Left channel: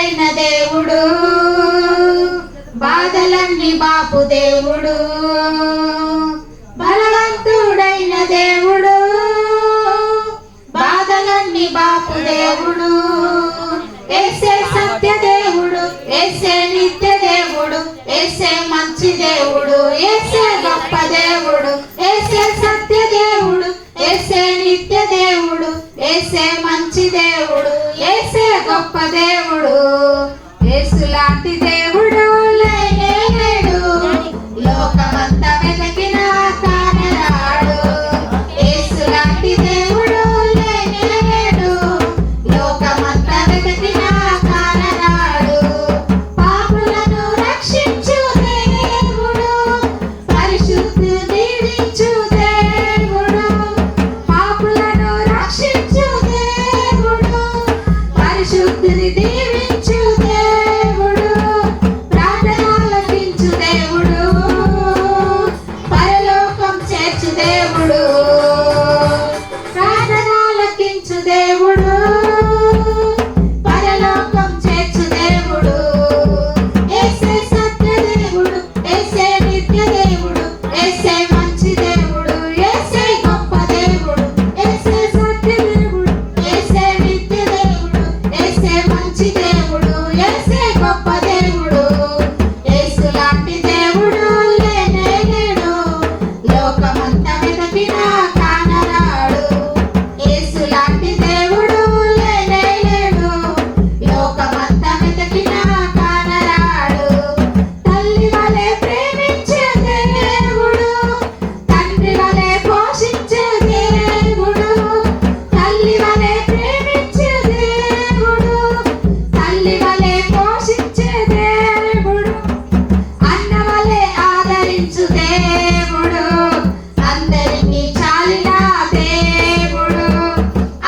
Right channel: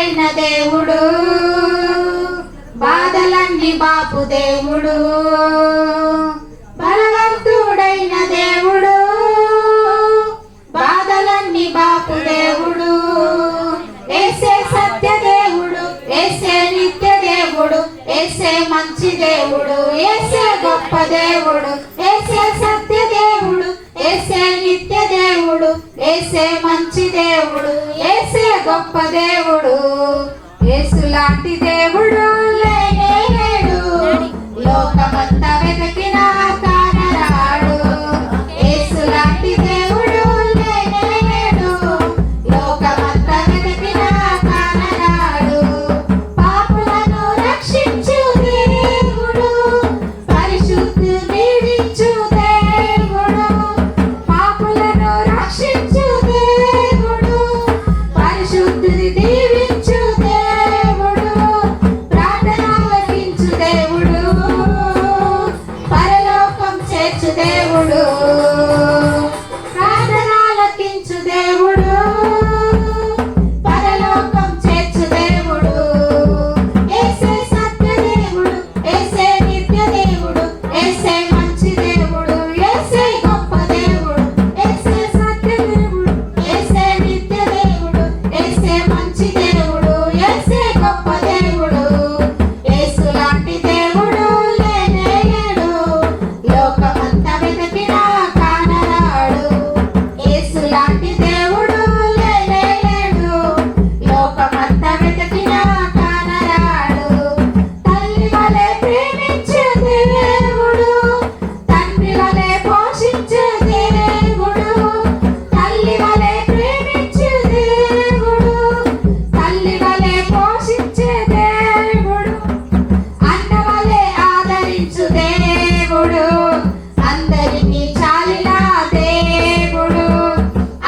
భగవంతుడైన దేవుడు, బాధలన్నీ బాపు దేవుడు, బలవంతుడైన దేవుడు, బాధలన్నీ బాపు దేవుడు. యేసే సత్య దేవుడు, యేసే నిత్య దేవుడు, యేసే మంచి దేవుడు, యేసే గొప్ప దేవుడు, యేసే సత్య దేవుడు, యేసే నిత్య దేవుడు, యేసే మంచి దేవుడు, యేసే గొప్ప దేవుడు. యేసు లాంటి దేవుడు లేనే లేడు, లోకమంతా వెతికినా కానరాడు. యేసు లాంటి దేవుడు లేనే లేడు, లోకమంతా వెతికినా కానరాడు. పాపులను రక్షించు దేవుడు, పరిశుద్ధి దీవించు దేవుడు, పాపులను రక్షించు దేవుడు, పరిశుద్ధిని దీవించు దేవుడు, ప్రార్థన ఆలకించు దేవుడు, పరలోకం చేర్చు దేవుడు, ప్రార్థన ఆలకించు దేవుడు, పరలోకం చేర్చు దేవుడు. యేసే సత్య దేవుడు, యేసే నిత్య దేవుడు, యేసే మంచి దేవుడు, యేసే గొప్ప దేవుడు, యేసే సత్య దేవుడు, యేసే నిత్య దేవుడు, యేసే మంచి దేవుడు, యేసే గొప్ప దేవుడు. యేసు లాంటి దేవుడు లేనే లేడు, లోకమంతా వెతికినా కానరాడు. యేసు లాంటి దేవుడు లేనే లేడు, లోకమంతా వెతికినా కానరాడు. తల్లి వలె ప్రేమించే దేవుడు, తండ్రి వలె పోషించే దేవుడు, తల్లి వలె ప్రేమించే దేవుడు, తల్లి వలె పోషించే దేవుడు, అన్న వలె ఆదరించు దేవుడు, అందరినీ చాలిన దేవుడు,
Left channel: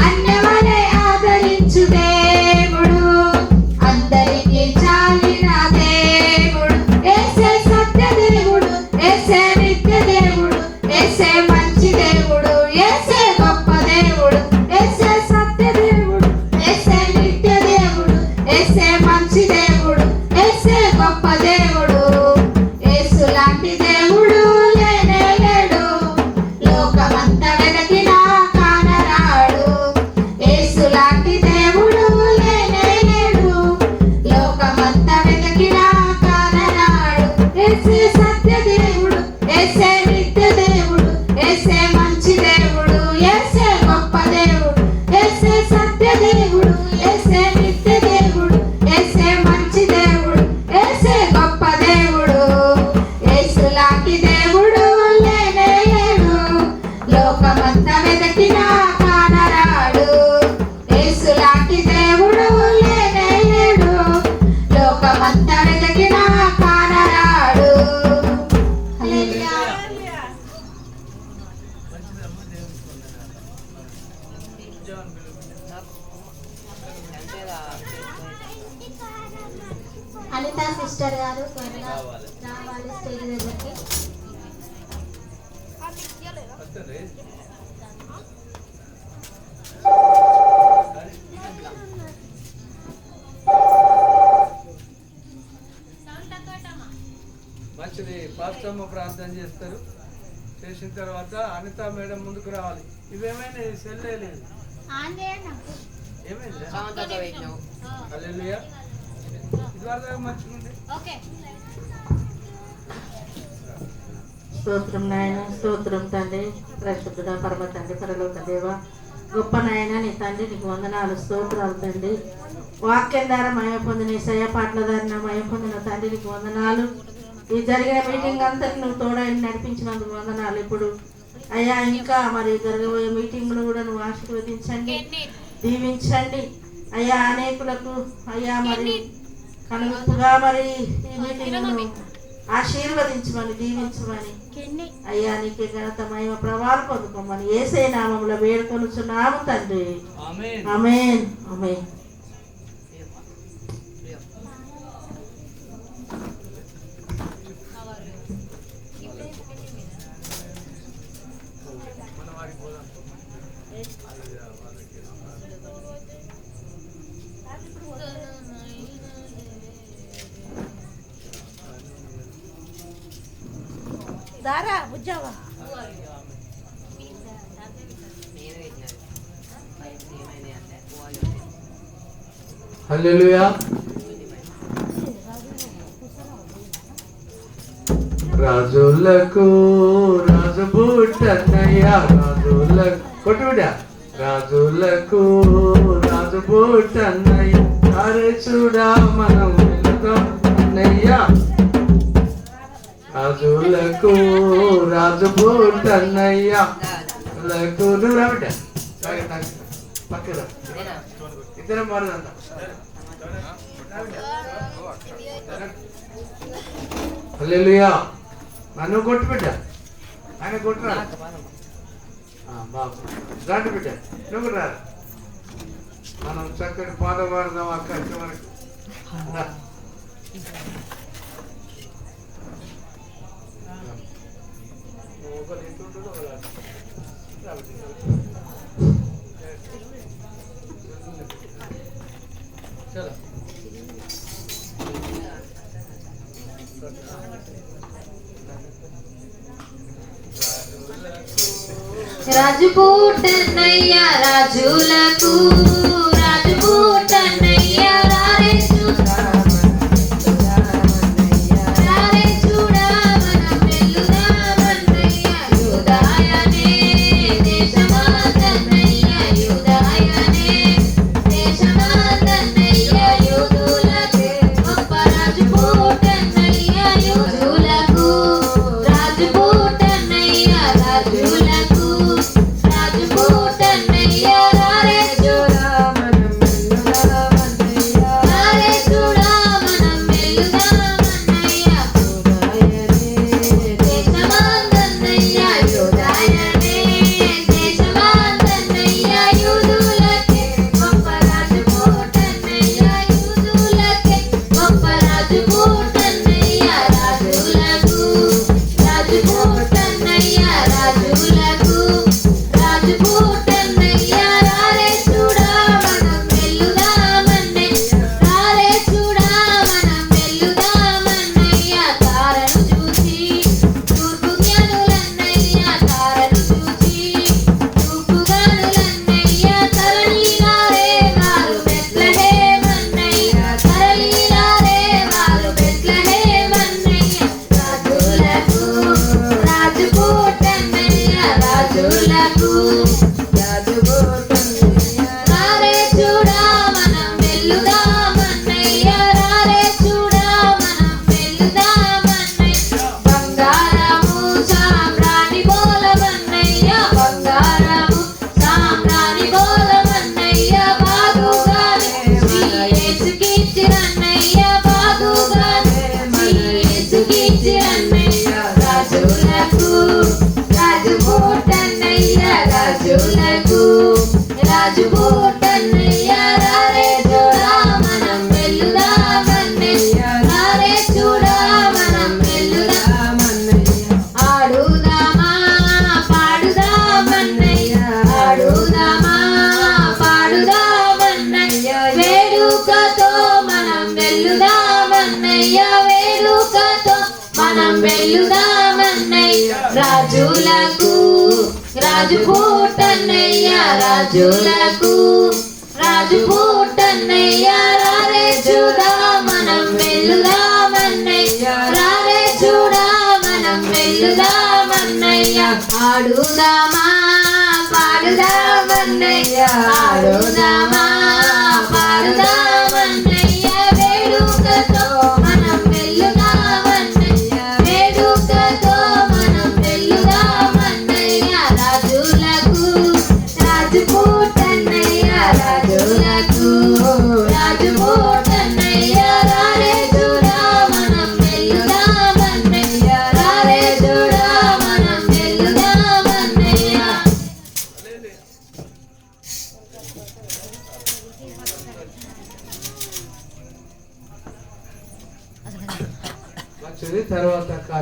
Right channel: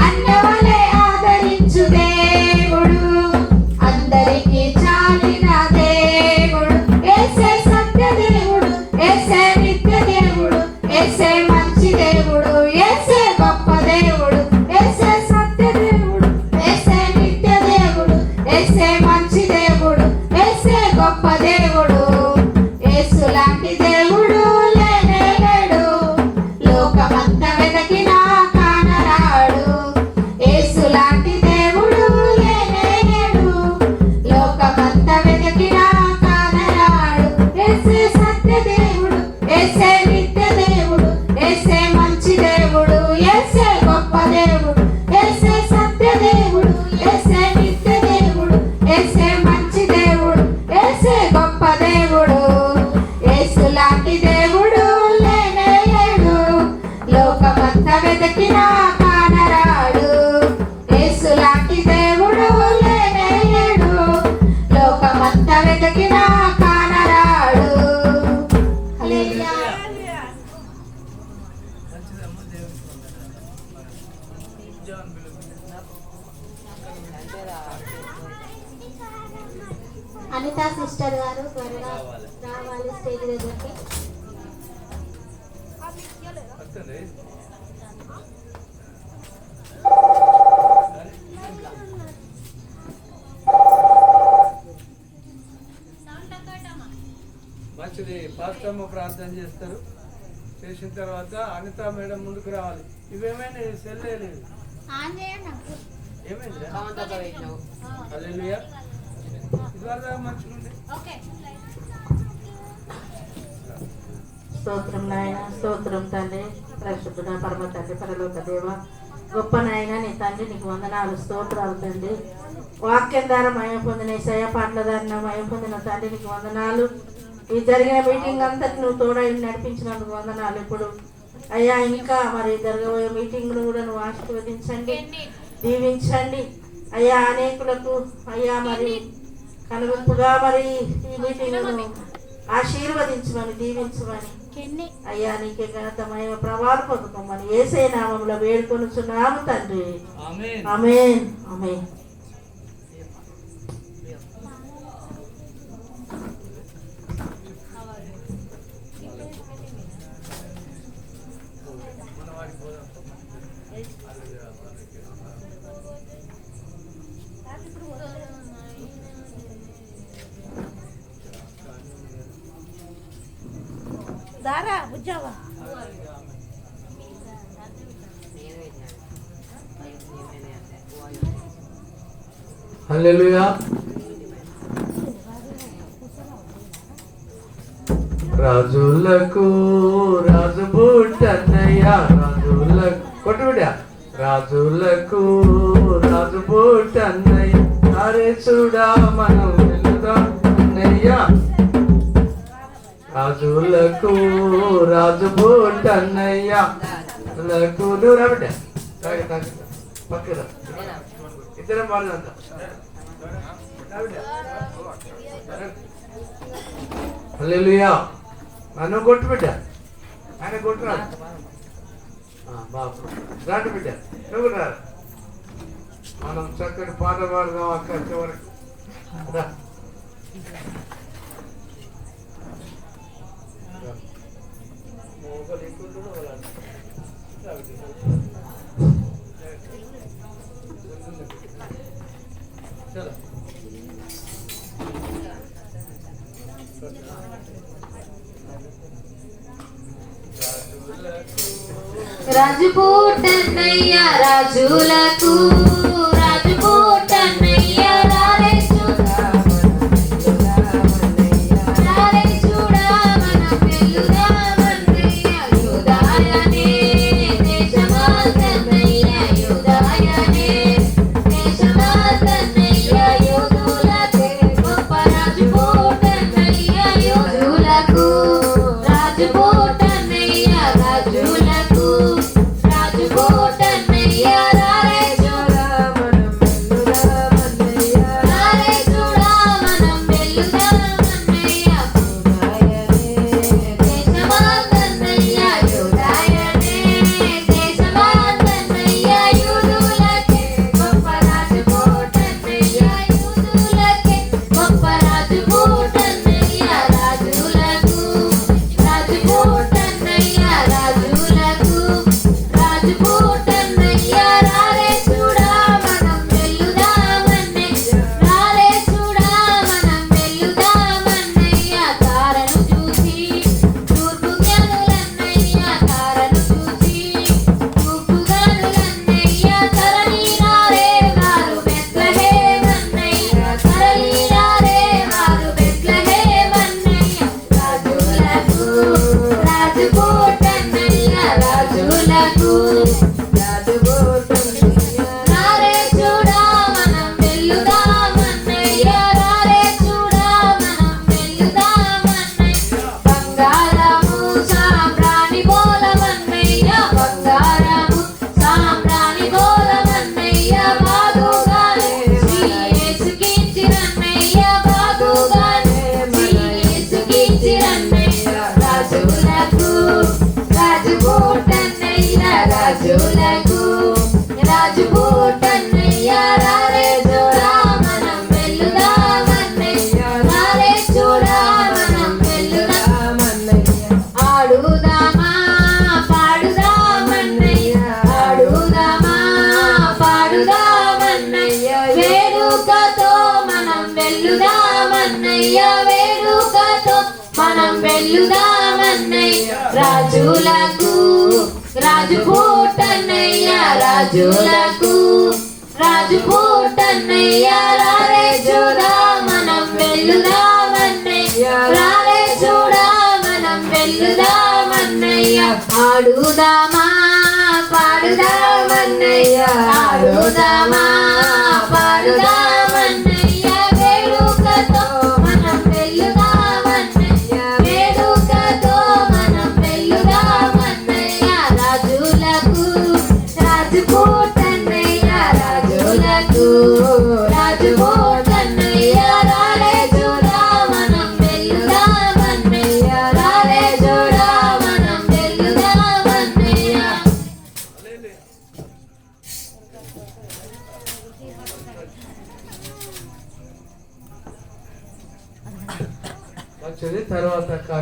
అన్న వలె ఆదరించు దేవుడు, అందరికీ చాలిన దేవుడు. యేసే సత్య దేవుడు, యేసే నిత్య దేవుడు, యేసే మంచి దేవుడు, యేసే గొప్ప దేవుడు, యేసే సత్య దేవుడు, యేసే నిత్య దేవుడు, యేసే మంచి దేవుడు, యేసే గొప్ప దేవుడు. యేసు లాంటి దేవుడు లేనే లేడు, లోకమంతా వెతికినా కానరాడు. యేసు లాంటి దేవుడు లేనే లేడు, లోకమంతా వెతికినా కానరాడు. యేసే సత్య దేవుడు, యేసే నిత్య దేవుడు, యేసే మంచి దేవుడు, యేసే గొప్ప దేవుడు, యేసే సత్య దేవుడు, యేసే నిత్య దేవుడు, యేసే మంచి దేవుడు, యేసే గొప్ప దేవుడు. యేసు లాంటి దేవుడు లేనే లేడు, లోకమంతా వెతికినా కానరాడు. యేసు లాంటి దేవుడు లేనే లేడు, లోకమంతా వెతికినా కానరాడు. హల్లెలూయా. అనిత సిస్టర్ గారు త్వరగా రావాలి స్టేజ్ దగ్గరికి. మంచిది. పాస్టమ్మ ప్రార్థన చేస్తారు, చేసిన తర్వాత అనిత మేడం ముందుకు రావాలి. ఇవేమైనా సెల్లే లేదు, ఏమైంది? హల్లెలూయా. ఇదివరదాకా మంచిగా ఉండే. స్తోత్రం నాయన, స్తోత్రం తండ్రి, పరిశుద్ధుడ పరమ తండ్రి, పరలోక దేవ, గొప్ప నాయన నీ తండ్రి, నీకు వందనాలు, స్తోత్రాలు తండ్రి. వాక్యం ద్వారా మయం పొందిన సయ పాటల ద్వారా మయం పొందిన తండ్రి, నీకు వందనాలు. ఈ జరిగిన మీటింగ్ అంతటి నువ్వు తోడై నడిపించినందుకు వందనాలు. ఇప్పుడు అయ్యా ఇంకా మరి జరగబోయే మీటింగ్ను కూడా నువ్వు ఆశీర్వదించండి, దీవించండి అయ్యా. అనేకులకు అయ్యా మరి కనుగొప్పుగా మరి ఈ మీటింగ్ను ఆశీర్వదించమని, దీవించమని అయ్యా. నీకే ఘనత మహిమ ప్రభావం పొందుకోమని యేసయ్య నామములో వేడుకొనుచున్నాము తండ్రి. ఆమేన్. ఆమేన్. ఆమేన్. దారా బుజ్జావా హల్లెలూయా. రాజులకు రాజు పుట్టన్నయ్య, రాజులకు కొట్టు బిడ్డ. రాజులకు రాజు పుట్టన్నయ్య, అరే చూడా మనం వెళుదాం అన్నయ్య. రాజులకు రాజు పుట్టన్నయ్య, లకు నువ్వు రా బిడ్డ, పక్కన ఇద్దరే మారుదంతా. హల్లెలూయా. నన్ను కొట్టు బిడ్డ, ఆయన కొట్టురా బాబు, దాటి బిడ్డ నువ్వు రా. మనం చక్కని పాట పాడదాం అక్కడి వరకు. చలో రాజు పుట్టన్నయ్య, రాజులకు రాజు పుట్టన్నయ్య, రారే చూడమన వెలుదామన్నయ్య. యూదాయనే దేశమాతన్నయ్య, యూదాయనే దేశమాతన్నయ్య. యూదులకే గొప్ప రాజు పుట్టన్నయ్య, యూదులకు రాజు పుట్టన్నయ్య, రాజులకు రాజు పుట్టన్నయ్య. రారే చూడమనం వెలుదామన్నయ్య, రారే చూడమనం వెలుదామన్నయ్య. దేశమాతన్నయ్య, యూదాయనే దేశమాతన్నయ్య. యూదులకే గొప్ప రాజు పుట్టన్నయ్య, యూదులకే గొప్ప రాజు పుట్టన్నయ్య. రాజులకు రాజు పుట్టన్నయ్య, రాజులకు రాజు పుట్టన్నయ్య. రారే చూడమనం వెలుదామన్నయ్య, రారే చూడమనం వెలుదామన్నయ్య. తారను చూసి తూర్పు జ్ఞానులన్నయ్య, తారను చూసి తూర్పు జ్ఞానులన్నయ్య. తరలినారే వారు బెత్లెహేమన్నయ్య, తరలినారే వారు బెత్లెహేమన్నయ్య. రాజులకు రాజు పుట్టన్నయ్య, రాజులకు రాజు పుట్టన్నయ్య. రారే చూడమనం వెలుదామన్నయ్య, రారే చూడమనం వెలుదామన్నయ్య. బంగారము సాంబ్రాణి బోలమన్నయ్య, బంగారము సాంబ్రాణి బోలమన్నయ్య. బాగుగానే శ్రీ యేసుకిచ్చిరన్నయ్య, బాగుగానే శ్రీ యేసుకిచ్చిరన్నయ్య. రాజులకు రాజు పుట్టన్నయ్య, రాజులకు రాజు పుట్టన్నయ్య. రారే చూడమనం వెలుదామన్నయ్య, రారే చూడమనం వెలుదామన్నయ్య. ఆడుదామా పాడుదామన్నయ్య, ఆడుదామా పాడుదామన్నయ్య. వేడుకతో మనం వెలుదామన్నయ్య, వేడుకతో మనం వెలుదామన్నయ్య. రాజులకు రాజు పుట్టన్నయ్య, రాజులకు రాజు పుట్టన్నయ్య. రారే చూడమనం వెలుదామన్నయ్య, రారే చూడమనం వెలుదామన్నయ్య. ఆడుదామా పాడుదామన్నయ్య, ఆడుదామా